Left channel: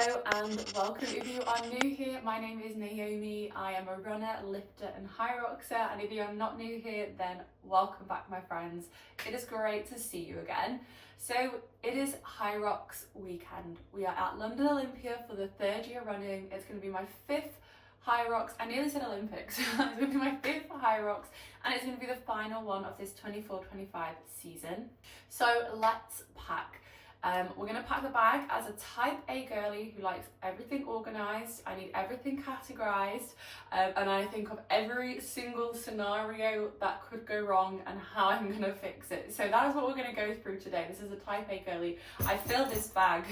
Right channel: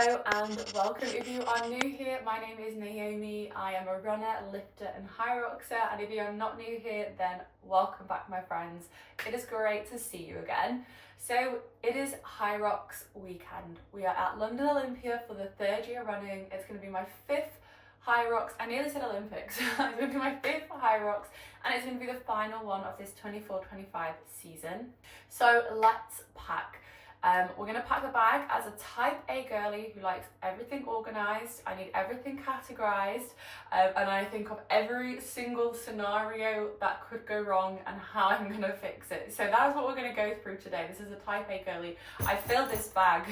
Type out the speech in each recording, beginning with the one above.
Hello and welcome. If you are new here, my name is Naomi. I am a runner, lifter and Hyroxer, and if you are not new here, then welcome back, my friends. It is great to see you again. So it is Hyrox weekend. We are at London Olympia for the third year running. It's going to be my fifth Hyrox. I nearly said Olympics. It's going to be my fifth Hyrox, and it's going to be the final one of this 24-25 season. So let's pack. We're going to pack the bag as a type A girly who likes everything organised. I need everything categorised, and I think of every single scenario that could go wrong and how I'm going to fix it. So that is what we're going to go through today. This is a type A girly. I filled this bag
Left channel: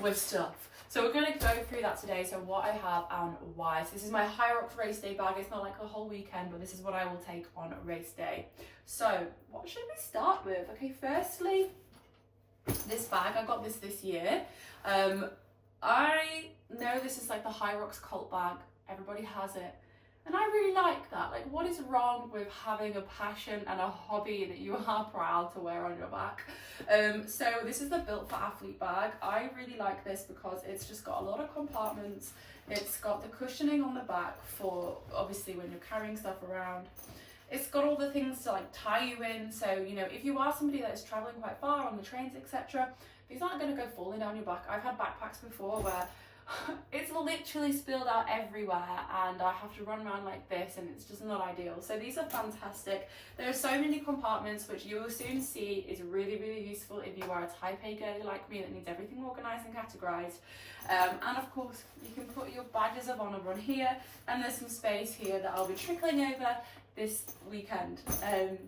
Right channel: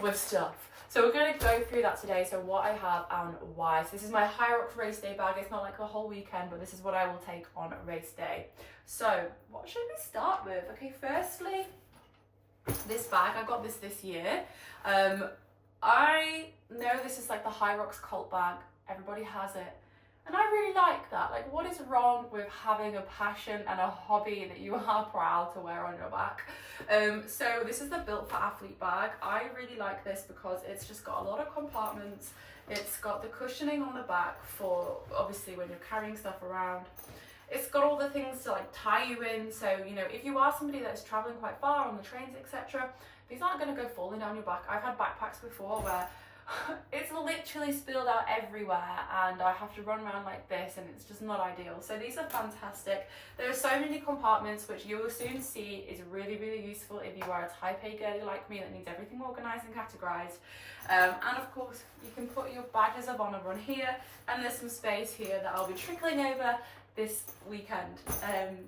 with stuff. So we're going to go through that today, so what I have and why. So this is my Hyrox race day bag. It's not like a whole weekend, but this is what I will take on race day. So what should we start with? Okay, firstly, this bag. I got this year. I know this is like the Hyrox cult bag. Everybody has it. And I really like that. Like, what is wrong with having a passion and a hobby that you are proud to wear on your back? So this is the Built for Athlete bag. I really like this because it's just got a lot of compartments. It's got the cushioning on the back for obviously when you're carrying stuff around. It's got all the things to like tie you in. So, you know, if you are somebody that is traveling quite far on the trains, etc., these aren't going to go falling down your back. I've had backpacks before where it's literally spilled out everywhere and I have to run around like this, and it's just not ideal. So these are fantastic. There are so many compartments, which you will soon see is really useful if you are a type A girly like me that needs everything organised and categorised. And of course you can put your badges of honour on here, and there's some space here that I'll be trickling over this weekend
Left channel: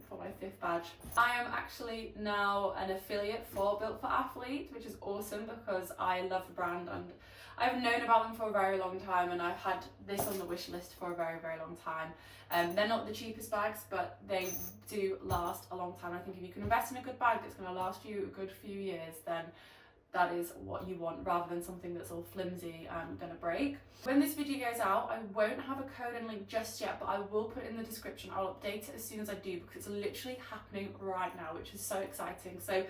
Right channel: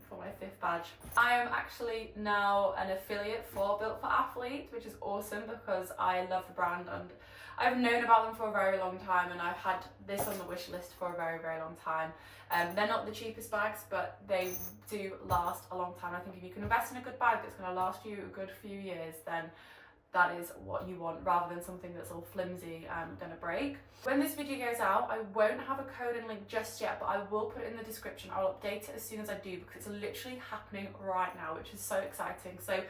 for my fifth badge. I am actually now an affiliate for Built for Athlete, which is awesome because I love the brand and I've known about them for a very long time, and I've had this on the wish list for a very long time. They're not the cheapest bags, but they do last a long time. I think if you can invest in a good bag that's going to last you a good few years, then that is what you want, rather than something that's all flimsy and going to break. When this video goes out, I won't have a code and link just yet, but I will put it in the description. I'll update it as soon as I do because it's literally happening right now, which is so exciting. So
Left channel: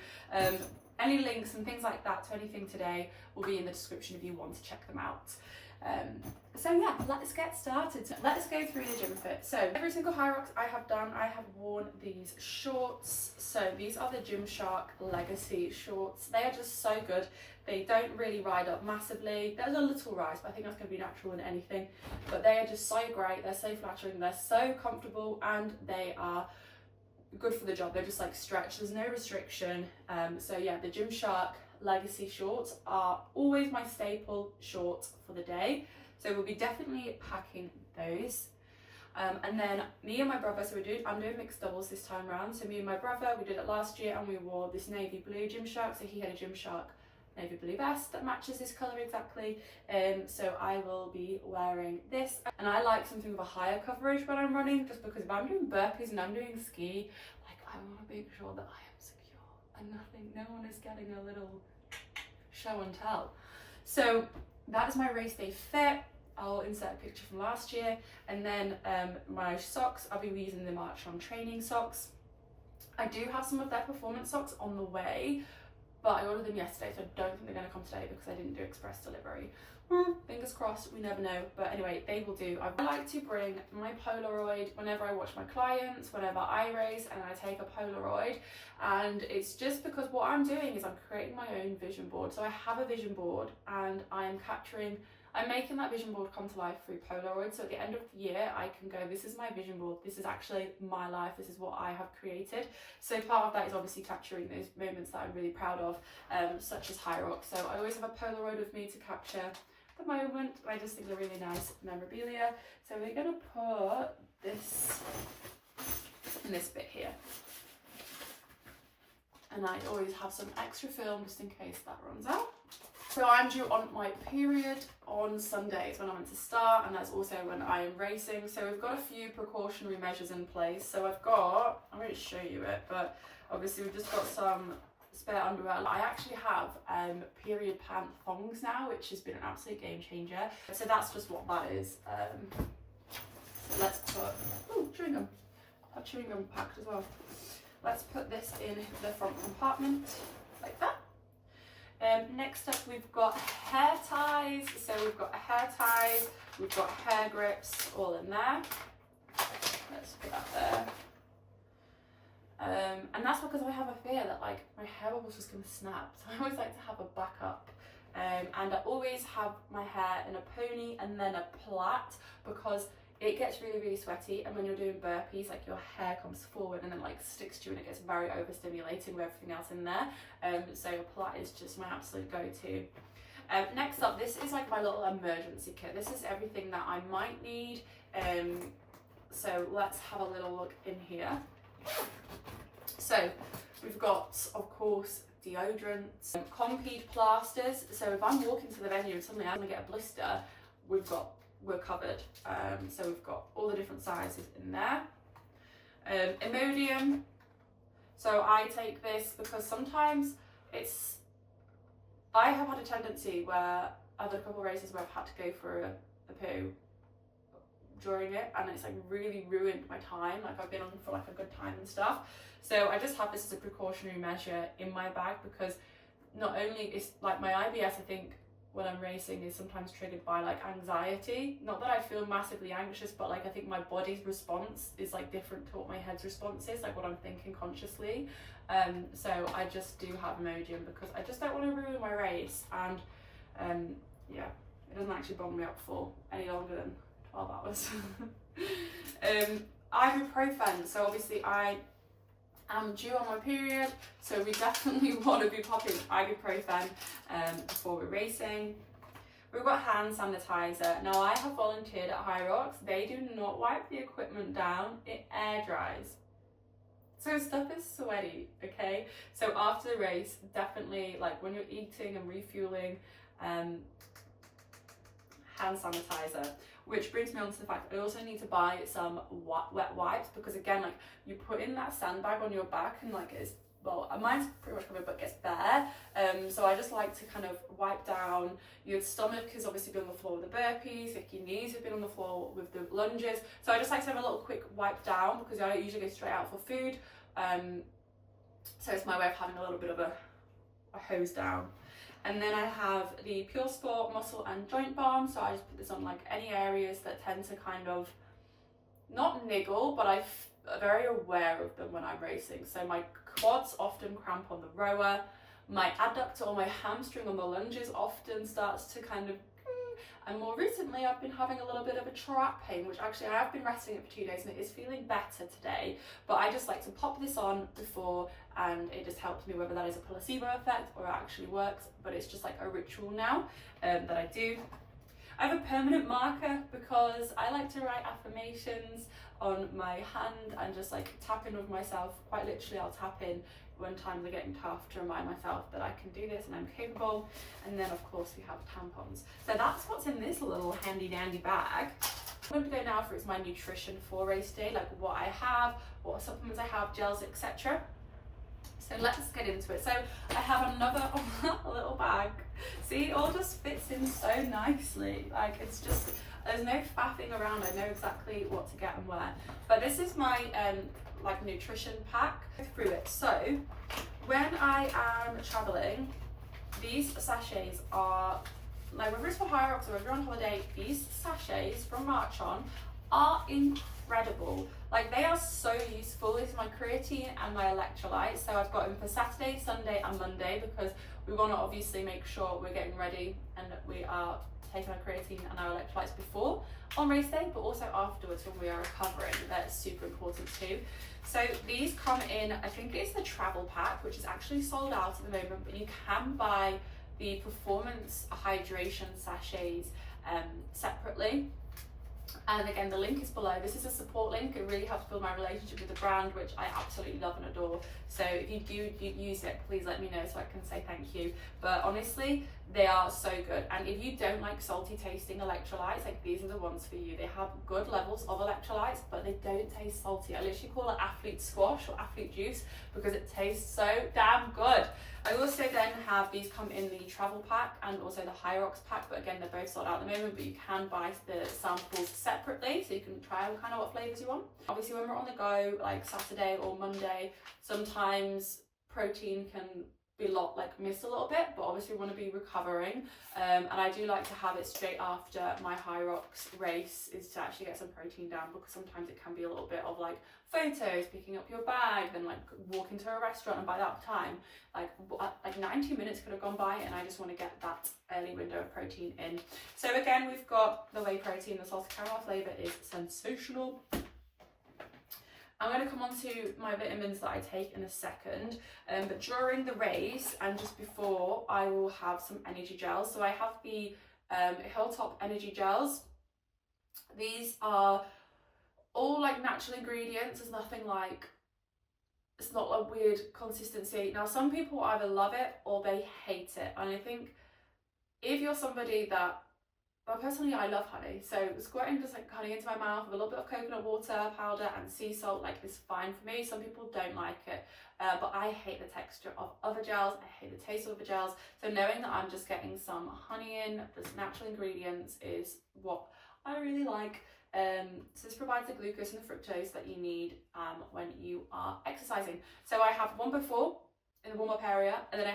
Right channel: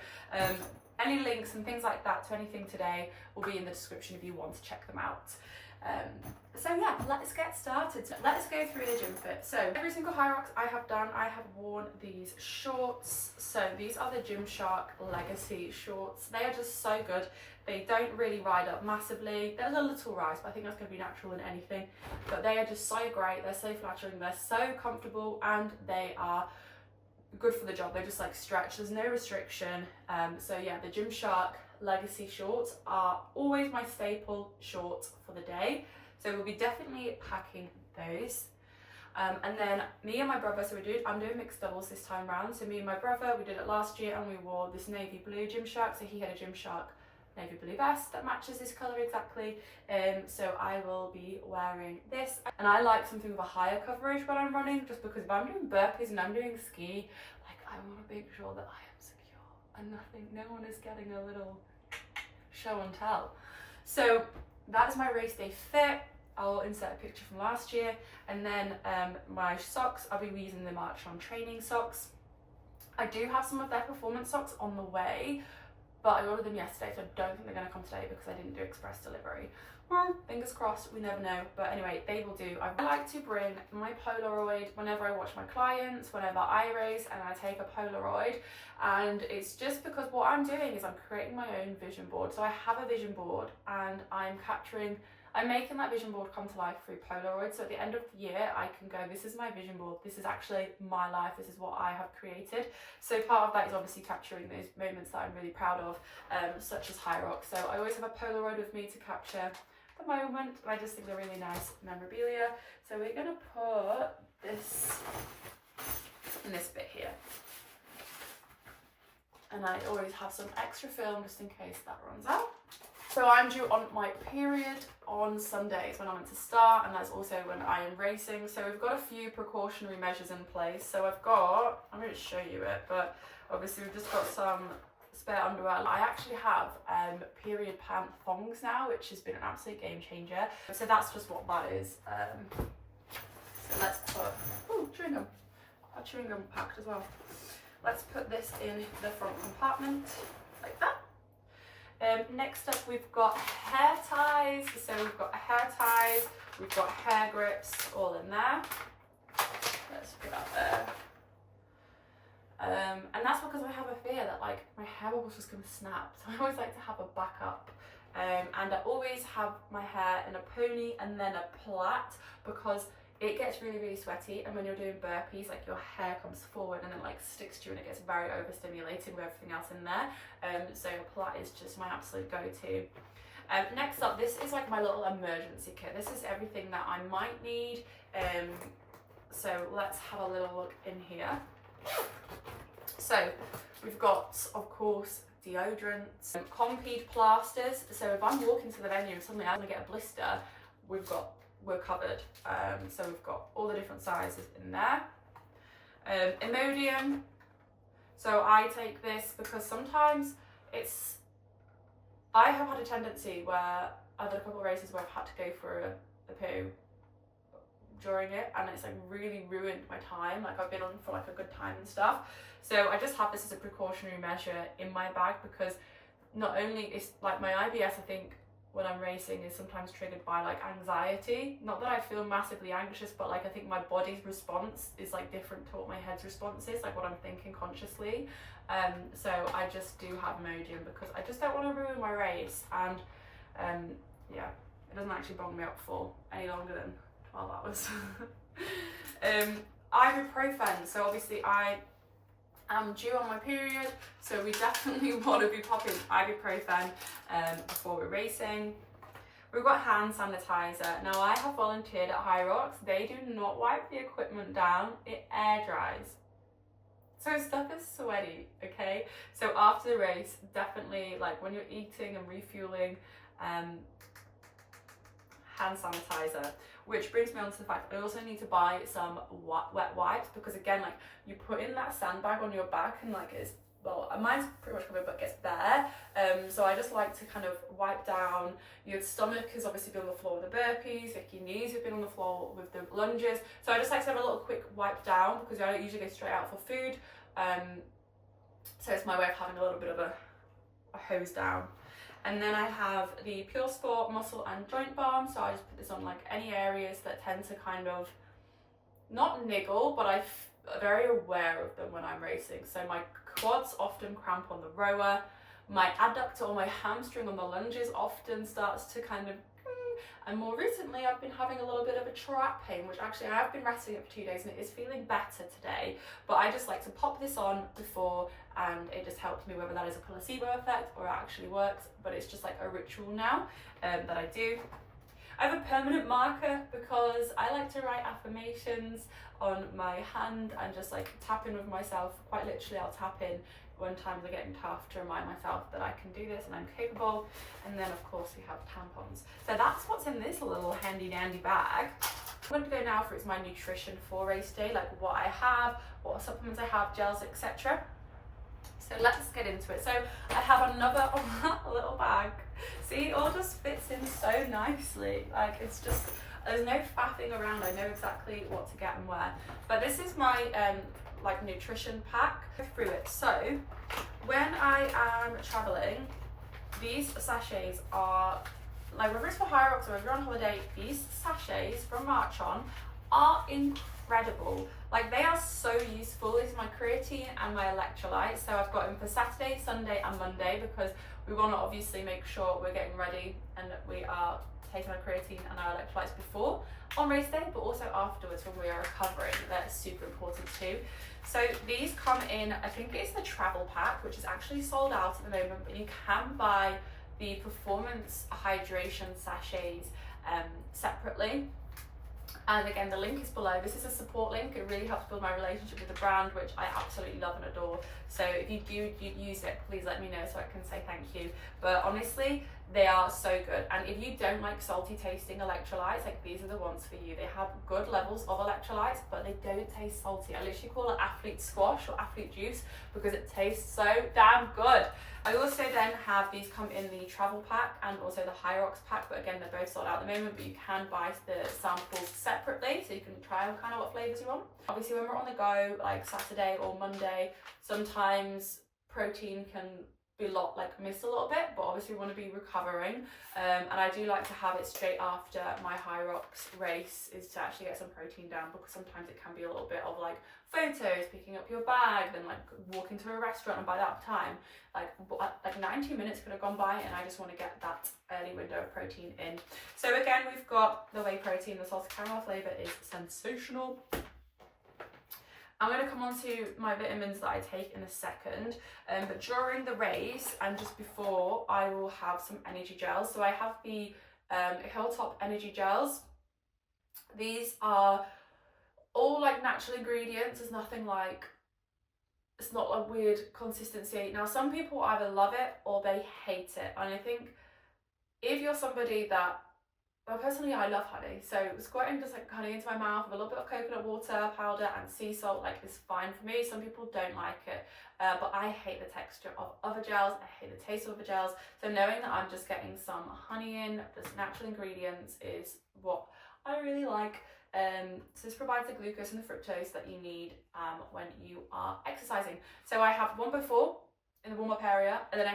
any links and things like that to anything today will be in the description if you want to check them out. So yeah, let's get started. Let's go through the gym fit. So every single Hyrox I have done, I have worn these shorts. So these are the Gymshark Legacy shorts. They are just so good. They don't really ride up massively. There's a little rise, but I think that's going to be natural in anything. But they are just so great. They're so flattering. They're so comfortable, and they are good for the job. They're just like stretch. There's no restriction. So yeah, the Gymshark Legacy shorts are always my staple shorts for the day. So we'll be definitely packing those. And then me and my brother, so I'm doing mixed doubles this time round. So me and my brother, we did it last year, and we wore this navy blue Gymshark. So he had a Gymshark navy blue vest that matches this colour exactly. So I will be wearing this, and I like something with a higher coverage when I'm running, just because if I'm doing burpees and I'm doing ski, like, I want to make sure that I am secure and no one is getting a little show and tell. So that is my race day fit. I'll insert a picture from last year, and then my socks, I'll be using the Marchon training socks. I do have some of their performance socks on the way, but I ordered them yesterday, so I don't think they're going to come today because I didn't do express delivery. Fingers crossed, we never know. But anyway, they will do. I like to bring my Polaroid whenever I watch my clients, whenever I race, and I take a Polaroid. And it's just because what I'm doing is I'm creating my own vision board. So I have a vision board, and I'm making that vision board come to life through Polaroid. So at the end of the year, I can go, this is my vision board. This is actually my life. This is what I have created. So part of that is obviously capturing those moments that I'm really proud of, such as Hyrox. So I always have a Polaroid with me to capture the moment. I just think they're really nice memorabilia. So we're going to put this in this bit here. And I always have some extra film just in case that runs out. So I'm due on my period on Sunday, is when I'm meant to start, and that's also when I am racing. So we've got a few precautionary measures in place. So I'm going to show you it, but obviously we've just got some spare underwear. I actually have period pant thongs now, which has been an absolute game changer. So that's just what that is. So let's put, chewing gum. I have chewing gum packed as well. Let's put this in the front compartment like that. Next up we've got hair ties. So we've got hair ties, we've got hair grips, all in there. Let's put that there. And that's because I have a fear that like my hair bubbles just gonna snap. So I always like to have a backup. And I always have my hair in a pony and then a plait, because it gets really, really sweaty, and when you're doing burpees, like your hair comes forward and then like sticks to you, and it gets very overstimulating with everything else in there. So a plait is just my absolute go-to. Next up, this is like my little emergency kit. This is everything that I might need. So let's have a little look in here. So we've got, of course, deodorants, Compeed plasters. So if I'm walking to the venue and suddenly I'm gonna get a blister, we're covered. So we've got all the different sizes in there. Imodium. So I take this because sometimes I have had a tendency where I've done a couple of races where I've had to go for a poo during it, and it's like really ruined my time. Like I've been on for like a good time and stuff. So I just have this as a precautionary measure in my bag, because not only is like my IBS, I think when I'm racing, is sometimes triggered by like anxiety. Not that I feel massively anxious, but like I think my body's response is like different to what my head's response is, like what I'm thinking consciously. So I just do have Imodium because I just don't want to ruin my race, and yeah, it doesn't actually bung me up for any longer than 12 hours. Ibuprofen. So obviously I am due on my period, so we definitely want to be popping ibuprofen before we're racing. We've got hand sanitizer. Now I have volunteered at Hyrox. They do not wipe the equipment down, it air dries. So stuff is sweaty, okay? So after the race, definitely like when you're eating and refueling, hand sanitizer. Which brings me on to the fact I also need to buy some wet wipes, because again, like you put in that sandbag on your back and like it's, well, mine's pretty much covered but gets bare. So I just like to kind of wipe down. Your stomach has obviously been on the floor with the burpees, like your knees have been on the floor with the lunges. So I just like to have a little quick wipe down, because I don't usually go straight out for food. So it's my way of having a little bit of a hose down. And then I have the Pure Sport Muscle and Joint Balm. So I just put this on like any areas that tend to kind of, not niggle, but I'm very aware of them when I'm racing. So my quads often cramp on the rower. My adductor or my hamstring on the lunges often starts to kind of, and more recently I've been having a little bit of a trap pain, which actually I have been resting it for 2 days and it is feeling better today. But I just like to pop this on before, and it just helps me, whether that is a placebo effect or it actually works, but it's just like a ritual now that I do. I have a permanent marker because I like to write affirmations on my hand and just like tap in with myself. Quite literally, I'll tap in when times are getting tough to remind myself that I can do this and I'm capable. And then of course we have tampons. So that's what's in this little handy dandy bag. I'm going to go now for my nutrition for race day, like what I have, what supplements I have, gels, etc. So let's get into it. So I have another little bag. See, it all just fits in so nicely. Like it's just, there's no faffing around. I know exactly what to get and where. But this is my like nutrition pack. Go through it. So when I am traveling, these sachets are like, whether it's for Hyrox or if you're on holiday, these sachets from Marchon are incredible. Like they are so useful. This is my creatine and my electrolytes. So I've got them for Saturday, Sunday and Monday, because we want to obviously make sure we're getting ready and that we are taking our creatine and our electrolytes before on race day, but also afterwards when we are recovering. That's super important too. So these come in, I think it's the travel pack, which is actually sold out at the moment, but you can buy the performance hydration sachets separately. And again, the link is below. This is a support link. It really helps build my relationship with the brand, which I absolutely love and adore. So if you do use it, please let me know so I can say thank you. But honestly, they are so good. And if you don't like salty tasting electrolytes, like these are the ones for you. They have good levels of electrolytes, but they don't taste salty. I literally call it athlete squash or athlete juice because it tastes so damn good. I also then have these come in the travel pack and also the Hyrox pack, but again, they're both sold out at the moment, but you can buy the samples separately, so you can try them kind of what flavors you want. Obviously, when we're on the go, like Saturday or Monday, sometimes protein can be missed a little bit, but obviously we want to be recovering, and I do like to have it straight after my Hyrox race, is to actually get some protein down, because sometimes it can be a little bit of like photos, picking up your bag, then like walking to a restaurant, and by that time like 90 minutes could have gone by, and I just want to get that early window of protein in. So again, we've got the whey protein. The salted caramel flavour is sensational. I'm going to come on to my vitamins that I take in a second, but during the race and just before, I will have some energy gels. So I have the Hilltop energy gels. These are all like natural ingredients. There's nothing like, it's not a weird consistency. Now some people either love it or they hate it, and I think if you're somebody that, well, personally I love honey, so squirting just like honey into my mouth with a little bit of coconut water powder and sea salt like is fine for me. Some people don't like it, but I hate the texture of other gels, I hate the taste of other gels, so knowing that I'm just getting some honey in, just natural ingredients, is what I really like. So this provides the glucose and the fructose that you need when you are exercising. So I have one before in the warm-up area, and then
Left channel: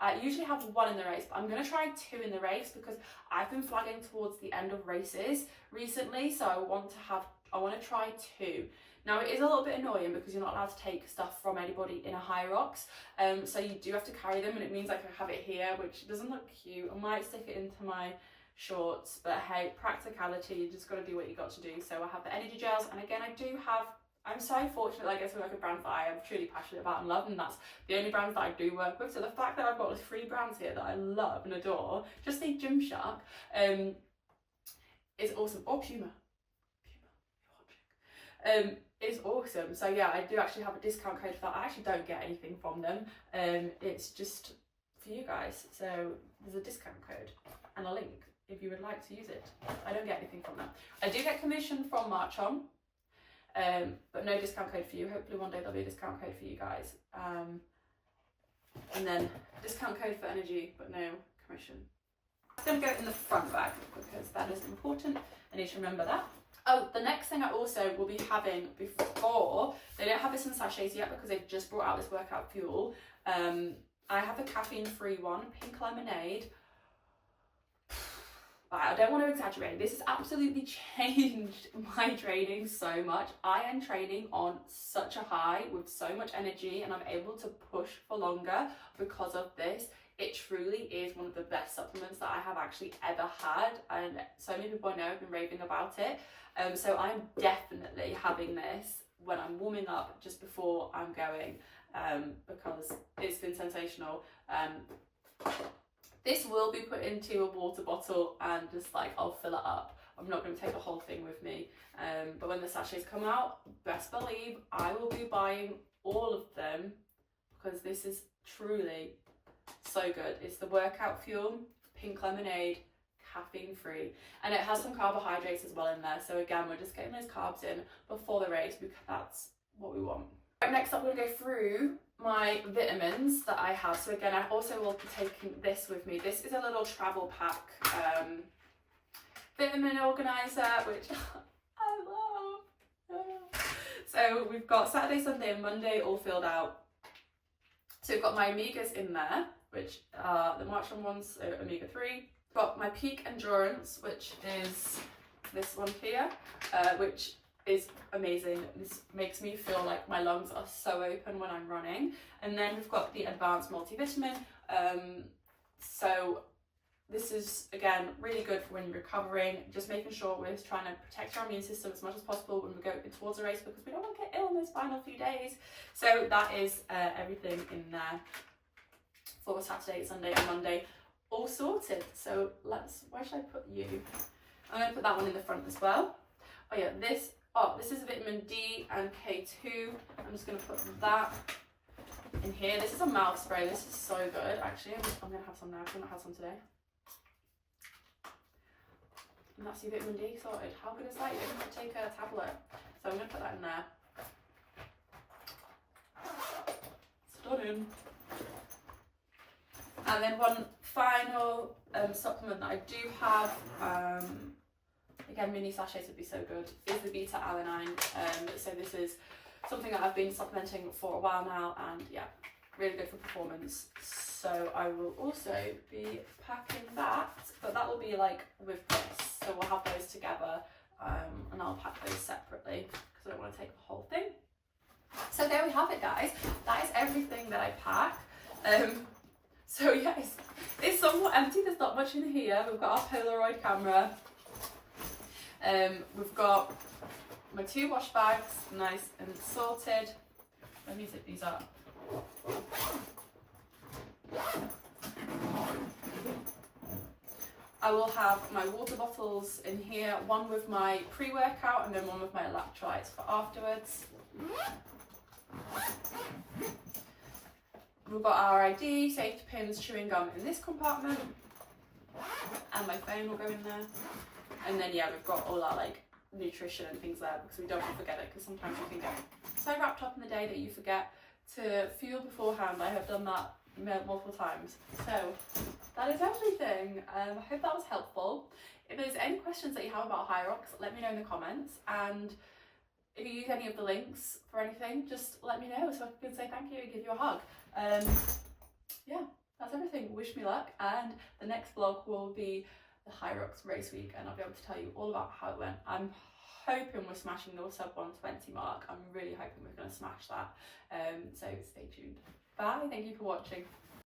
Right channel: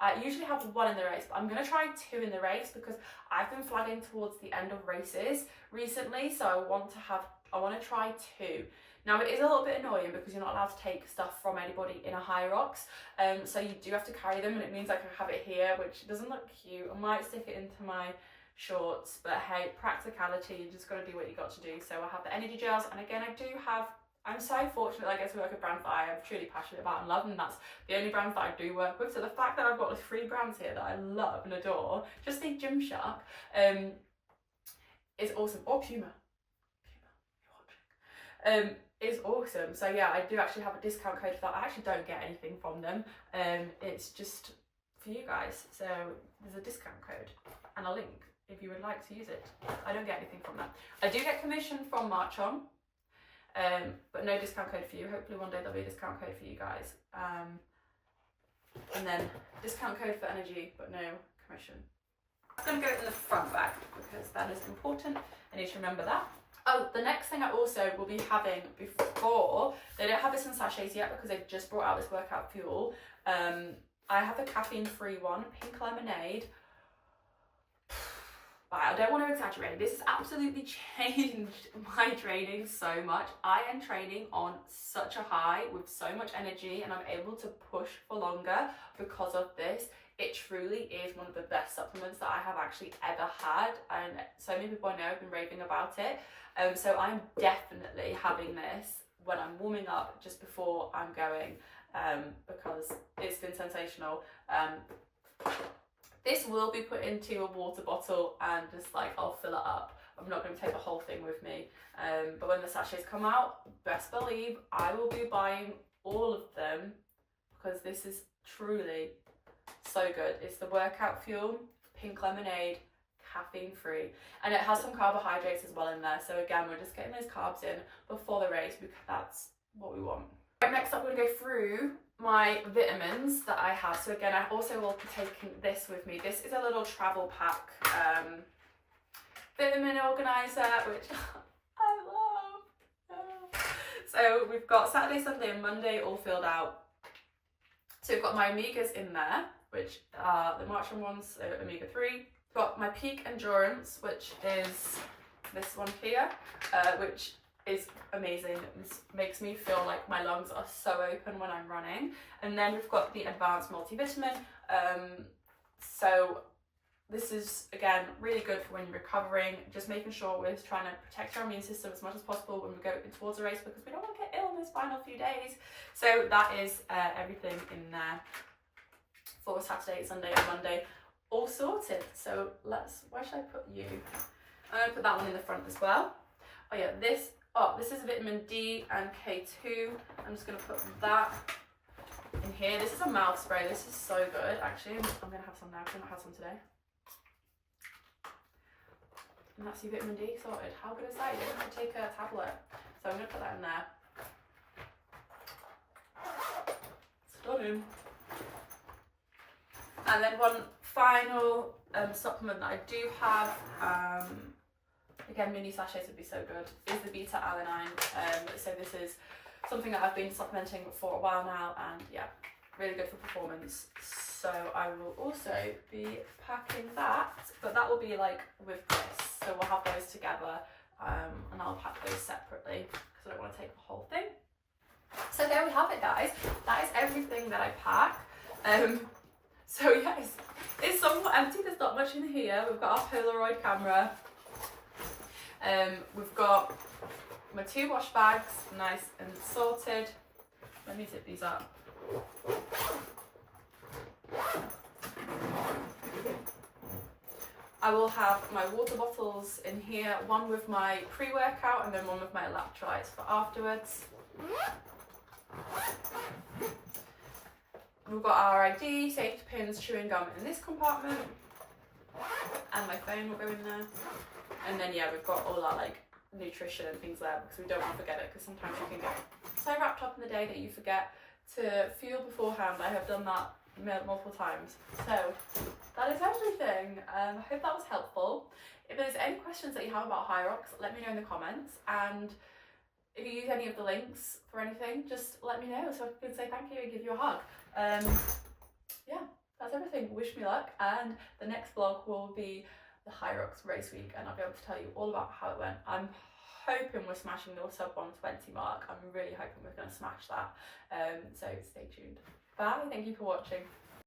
I usually have one in the race, but I'm going to try 2 in the race because I've been flagging towards the end of races recently, so I want to try 2. Now it is a little bit annoying because you're not allowed to take stuff from anybody in a Hyrox, so you do have to carry them, and it means like I have it here, which doesn't look cute. I might stick it into my shorts, but hey, practicality, you just got to do what you got to do. So I have the energy gels, and again I'm so fortunate that I get to work with brands that I am truly passionate about and love, and that's the only brands that I do work with. So the fact that I've got 3 brands here that I love and adore, just think Gymshark, is awesome. Or Puma, you're watching. Is awesome. So yeah, I do actually have a discount code for that. I actually don't get anything from them. It's just for you guys. So there's a discount code and a link if you would like to use it. I don't get anything from that. I do get commission from Marchon, but no discount code for you. Hopefully one day there'll be a discount code for you guys. And then discount code for energy, but no commission. It's going to go in the front bag because that is important. I need to remember that. Oh, the next thing I also will be having before, they don't have this in sachets yet because they've just brought out this workout fuel. I have a caffeine-free one, pink lemonade. I don't want to exaggerate, this has absolutely changed my training so much. I am training on such a high with so much energy, and I'm able to push for longer because of this. It truly is one of the best supplements that I have actually ever had, and so many people I know have been raving about it. So I'm definitely having this when I'm warming up just before I'm going, because it's been sensational. This will be put into a water bottle and just like I'll fill it up. I'm not going to take the whole thing with me, but when the sachets come out, best believe I will be buying all of them because this is truly so good. It's the workout fuel, pink lemonade, caffeine free, and it has some carbohydrates as well in there. So again, we're just getting those carbs in before the race because that's what we want. Right, next up, we're going to go through my vitamins that I have. So again, I also will be taking this with me. This is a little travel pack vitamin organizer, which I love. So we've got Saturday, Sunday and Monday all filled out. So we've got my omegas in there, which are the Marchon ones, so omega-3. Got my peak endurance, which is this one here, which is amazing. This makes me feel like my lungs are so open when I'm running. And then we've got the advanced multivitamin. So this is again really good for when you're recovering, just making sure we're trying to protect our immune system as much as possible when we go towards a race, because we don't want to get ill in those final few days. So that is everything in there for Saturday, Sunday and Monday, all sorted. So where should I put you? I'm going to put that one in the front as well. Oh yeah, this is vitamin D and K2. I'm just going to put that in here. This is a mouth spray. This is so good. Actually, I'm going to have some now because I've not had some today. And that's your vitamin D sorted. How good is that? You don't have to take a tablet. So I'm going to put that in there. Stunning. And then one final supplement that I do have, again, mini sachets would be so good, is the beta-alanine. So this is something that I've been supplementing for a while now, and yeah, really good for performance. So I will also be packing that, but that will be like with this. So we'll have those together, and I'll pack those separately because I don't want to take the whole thing. So there we have it, guys. That is everything that I pack. So yeah, it's somewhat empty. There's not much in here. We've got our Polaroid camera. We've got my 2 wash bags, nice and sorted. Let me zip these up. I will have my water bottles in here, one with my pre-workout and then one with my electrolytes for afterwards. We've got our ID, safety pins, chewing gum in this compartment, and my phone will go in there. And then yeah, we've got all our like nutrition and things there because we don't want to forget it, because sometimes you can get so wrapped up in the day that you forget to fuel beforehand. I have done that multiple times. So that is everything. I hope that was helpful. If there's any questions that you have about Hyrox, let me know in the comments, and if you use any of the links for anything, just let me know so I can say thank you and give you a hug. Yeah, that's everything. Wish me luck, and the next vlog will be the Hyrox race week, and I'll be able to tell you all about how it went. I'm hoping we're smashing the sub 120 mark. I'm really hoping we're going to smash that. So stay tuned. Bye. Thank you for watching.